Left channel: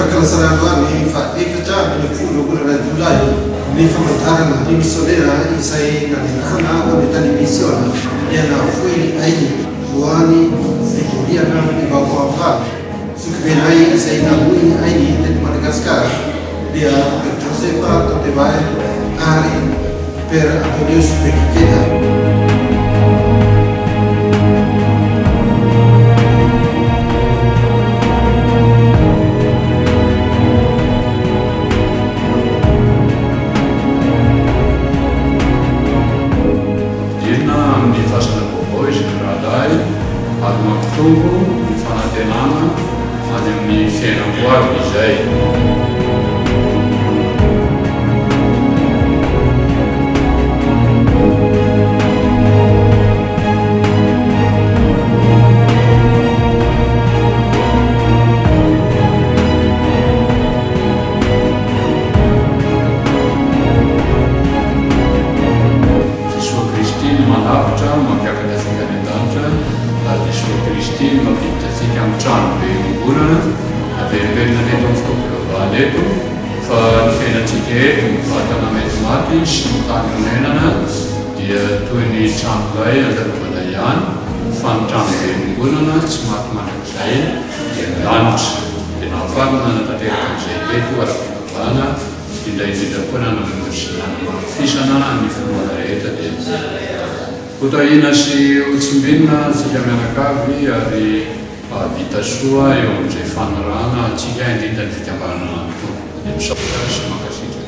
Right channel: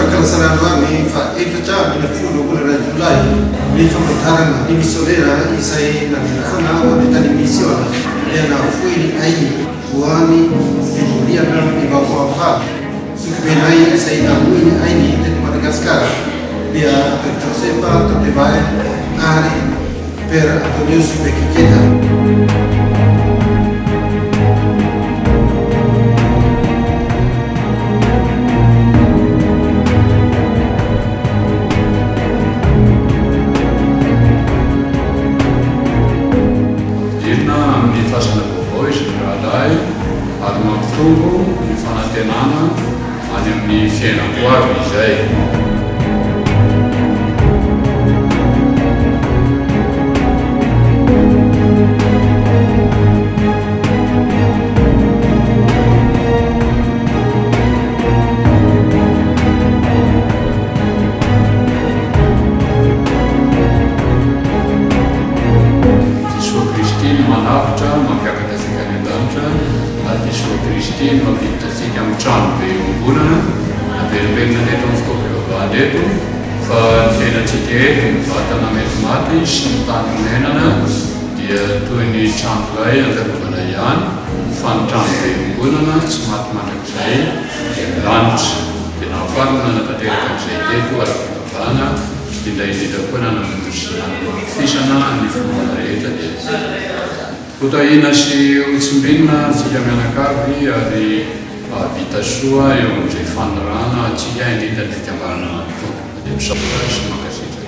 Fakalasarandoany fa efatra amin'ny folo volana Jolay ny famantarana ny misionera izay nanirahana ho any tany misiona liana foiny ainy ho any fivoriana ny vaovaovany sokibenay izay namoiny ainy teto Madagasikara dia Per Josefa Totevay ary Per Antonius Bekikeda. Amin'ny fasana vaovao izy rahadahy ary mampitombo ny fanantenana any amin'ny fiainako avy izay. Malavitra mampiakatra asika any an-danitra ary Jesoa Kristy mampiditra asika amin'ny trano be iongonana naverimberina teto amin'ny fotoam-pivavahana eto fa ny fiainantsika eto ny vatana mety maty sy ny tany onenana dia toy ny trano lay andalovana ihany fa ny trano be iongonana tsy maty mandrakizay dia milanitra dia nahafarana nanatanteraka an'izay teto ara-pivavahana indrindra koa nanamafisana ny finoana rehetra dia hotahina sy hotsimbinina tsika mianakavy ary vita soa eo amin'izay fanirana atsika indrindra ny fikambanana ny tompo dia misaotra sy mankasitraka.